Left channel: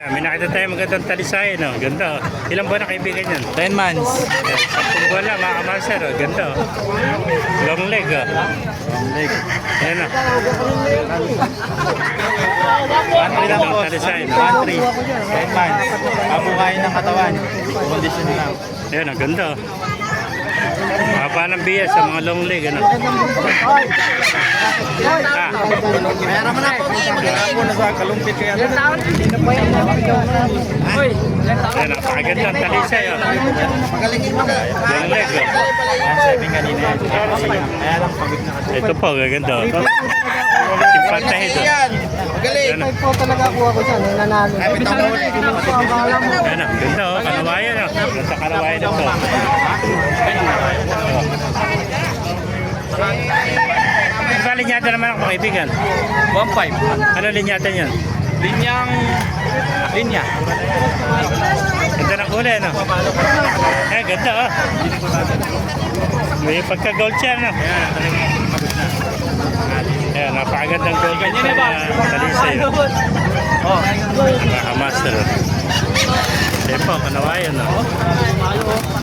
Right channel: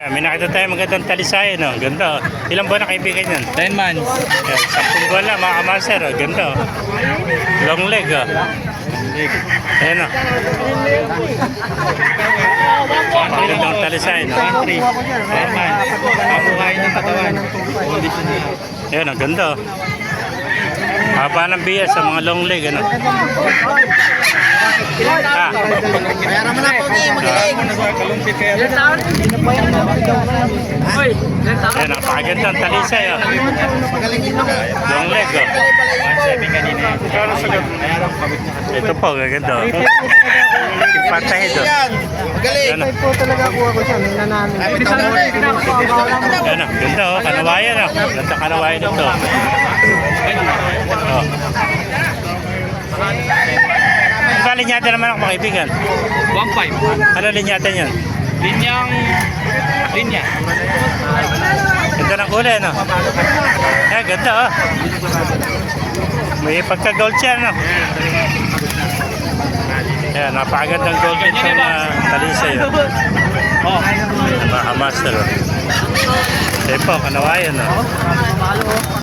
May nakita tayo magandang talisay, no? Ganda, oh. Ilang buwan na kaibigan yan? 10 months. Okay. Sampung buwan lang, mga kamaster, oh. Ganda, oh. Long leg, oh. Ayan, oh. Magandang talisay, no? 1-3. 10 months. Mabuhay ng katawan. Condition. Ayan, oh. Ganda, oh. Haba ng biya sa mga long leg, ano? Ah, Mayroon mo na po. Ako na sa kalumpit kaya. ayan, napakagandang talisay, oh. Long leg, oh. 1-7 kanina. Ito po, gaganda. Impantahid, oh. Ayan, oh. po talaga kuha ko dyan, nanalo. Ayan, oh. Ganda, oh. Kanawayan, oh. Ganda kanawayan ito. Oh. Ang linyata naman ako, mga kaibigan. 1-5. Ano linyata niyan? Linyang... Linya. Ganda ng kulay, no? Eh, ganda, oh. May pagka-gold siya, no? Ayan, napakagandang gold itong uh, talisay, oh. Oh. Mga master, oh. Ito po, kanawayan, no?